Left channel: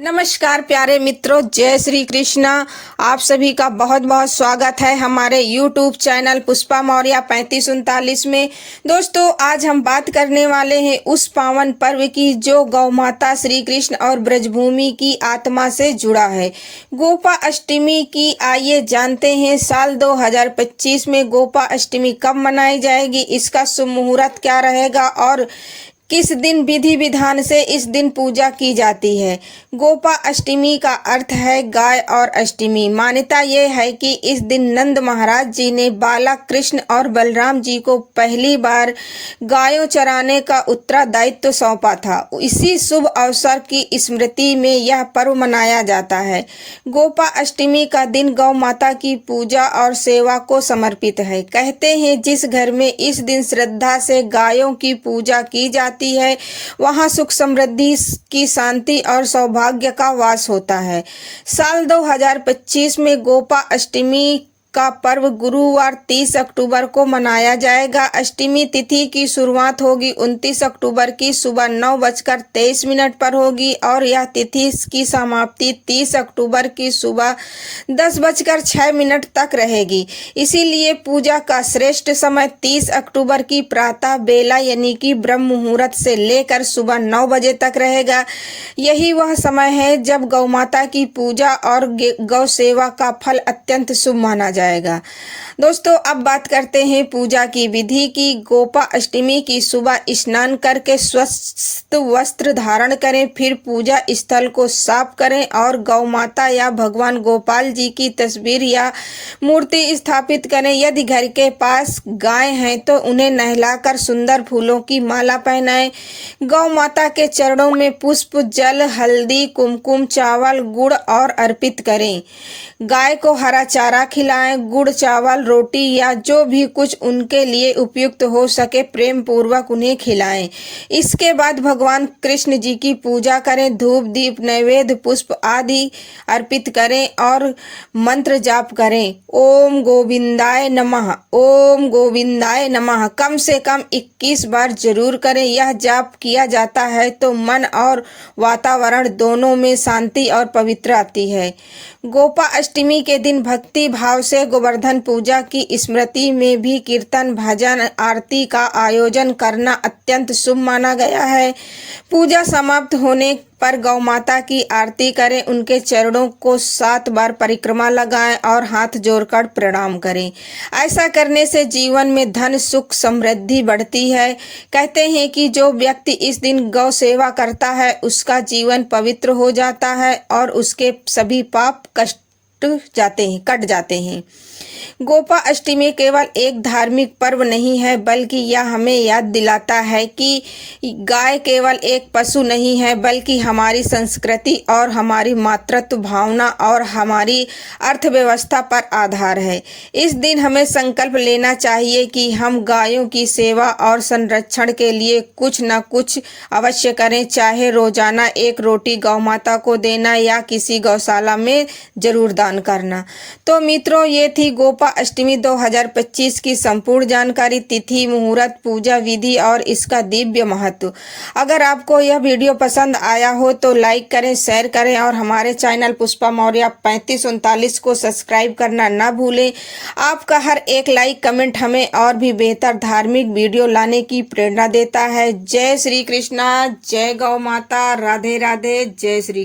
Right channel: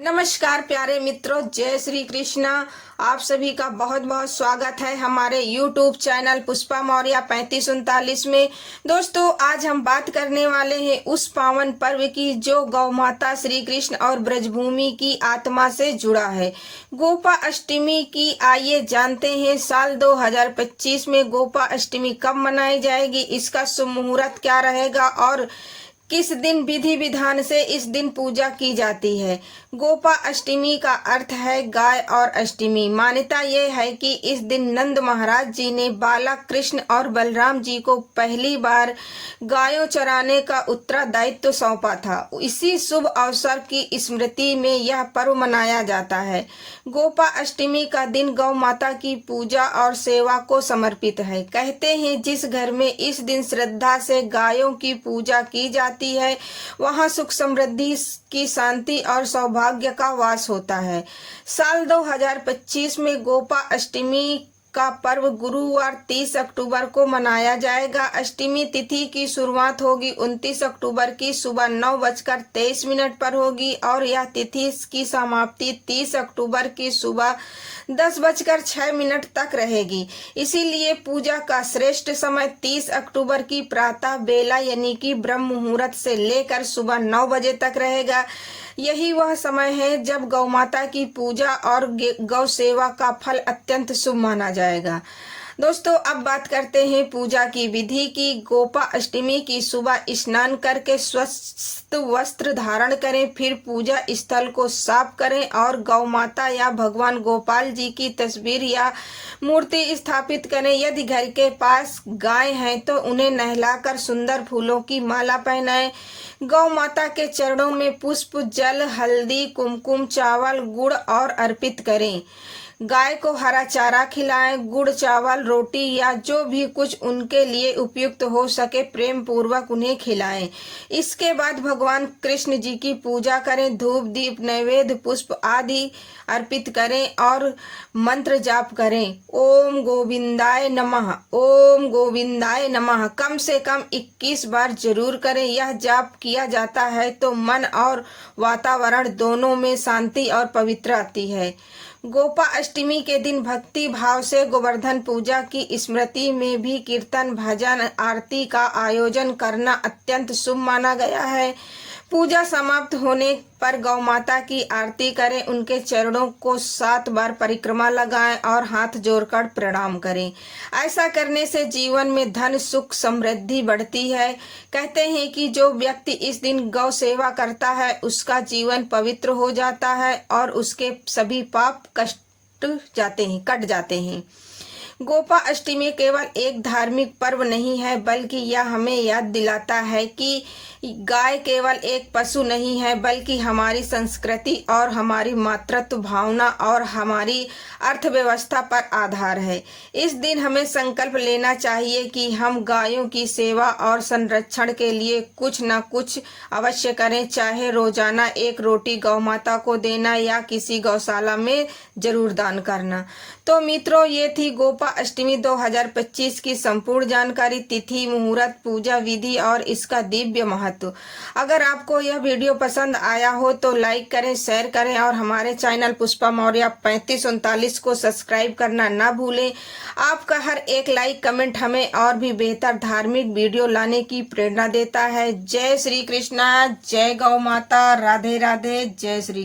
नमस्कार प्यारे मित्रों, जय श्री कृष्णा। आप सभी का बहुत बहुत स्वागत है हमारे YouTube चैनल पुष्पा मौर्य 3539 में। दोस्तों, आज हम बात करने वाले हैं उस पावन पर्व की जो गौ माता श्री कृष्ण और ब्रजभूमि की आत्मा से जुड़ा है, गोपा अष्टमी की। आइए जानते हैं साल 2025 में गोपा अष्टमी कब मनाई जाएगी, इसका शुभ मुहूर्त क्या रहेगा और किस दिन विधि विधान से इस दिन पूजा की जाती है। गोपा अष्टमी का अर्थ है गाय और अष्टमी। मान्यता ये है कि इस दिन नंद महाराज जी ने बालक कृष्ण और बलराम जी को पहली बार गायों चराने का उत्तरदायित्व सौंपा था। इसी शुभ अवसर की स्मृति में यह पर्व मनाया जाता है। गोपा अष्टमी का दिन गौ माता की पूजा और सेवा को समर्पित है। कहते हैं जिस घर में इस दिन श्रद्धा से गायों की पूजा की जाती है, वहां सुख समृद्धि की शांति और सौभाग्य का वास होता है। साल 2025 में गोपा अष्टमी का पर्व गुरुवार 30 अक्टूबर को मनाया जाएगा। अष्टमी तिथि की शुरुआत होगी 29 अक्टूबर की सुबह 9:23 पर होगी और यह तिथि की समाप्ति 30 अक्टूबर की सुबह 10:06 तक रहेगी। इसीलिए पूजा का श्रेष्ठ समय 30 अक्टूबर की प्रातः बेला यानी कि ब्रह्म मुहूर्त से लेकर सुबह 9 बजे तक रहेगा। यही वह समय है जब गौ माता की पूजा और गौ सेवा का फल अत्यंत शुभ माना जाएगा। दोस्तों, अब बात करते हैं पूजा की विधि की। गोपा अष्टमी की सुबह स्नान करके स्वस्थ वस्त्र धारण करें, फिर पूजा स्थल को साफ करें और गौ माता या भगवान गोपाल जी की तस्वीर या मूर्ति स्थापित करें। यदि घर के पास गाय हैं तो उन्हें नहलाकर सुंदर फूलों की माला पहनाएं। गौ माता के चरणों में पुष्प, जल, हल्दी, कुमकुम, चावल, गुड़ और अर्पित करें। गाय को हरा चारा खिलाएं। गुड़, चावल, रोटी या जो भी कुछ उनके लिए उपयुक्त हो सके प्रेम पूर्वक उन्हें खिलाएं। इसके बाद भगवान कृष्ण जी की पूजा करें। धूप, दीप, नैवेद्य, पुष्प आदि अर्पित करें और मंत्र जाप करें। ओम गोविंदाय नमः, ओम गोविंदाय नमः कम से कम 21 बार जरूर करें। यह जाप किया जाता है तो मन और वातावरण दोनों में शांति और पवित्र आती है। गोपा अष्टमी के दिन भक्ति भाव से गोवर्धन पूजा की स्मृति में भी कीर्तन, भजन, आरती का आयोजन करना अत्यंत शुभ माना गया है। पूजा समाप्त होने पर गौ माता की आरती करें, उनके चरणों को 7 बार परिक्रमा लगाएं और हाथ जोड़कर प्रणाम करें। ऐसा करने से जीवन में धन, सुख, समृद्धि बढ़ती है। कहते हैं कि जो व्यक्ति इस दिन गौ सेवा करता है उसका जीवन पवित्र हो जाता है और उसके सभी पाप कट जाते हैं। गोपा अष्टमी केवल एक धार्मिक पर्व नहीं है, बल्कि यह हमें याद दिलाता है कि गाय केवल एक पशु नहीं है, बल्कि हमारी संस्कृति और हमारी मातृत्व भावना और हमारी अर्थव्यवस्था पर आधार है। इस दिन हमें संकल्प लेना चाहिए कि हम गायों की सेवा और संरक्षण के लिए कुछ न कुछ अवश्य करें, चाहे रोजाना एक रोटी गौ माता को देना या किसी गौशाला में जरूर दान करना। तो मित्रों, ये थी गोपा अष्टमी 2025 की संपूर्ण जानकारी, तिथि, मुहूर्त, पूजा विधि और इसका दिव्य महत्व। अगर आपको यह वीडियो पसंद आया हो तो लाइक करें, शेयर करें और हमारे चैनल पुष्पा मौर्य 3539 को सब्सक्राइब करना ना भूलें। आपका हर एक लाइक, कमेंट हमें और भी बेहतर धार्मिक वीडियो लाने की प्रेरणा देता है। जय श्री कृष्णा, जय गौ माता, राधे राधे, जय श्री।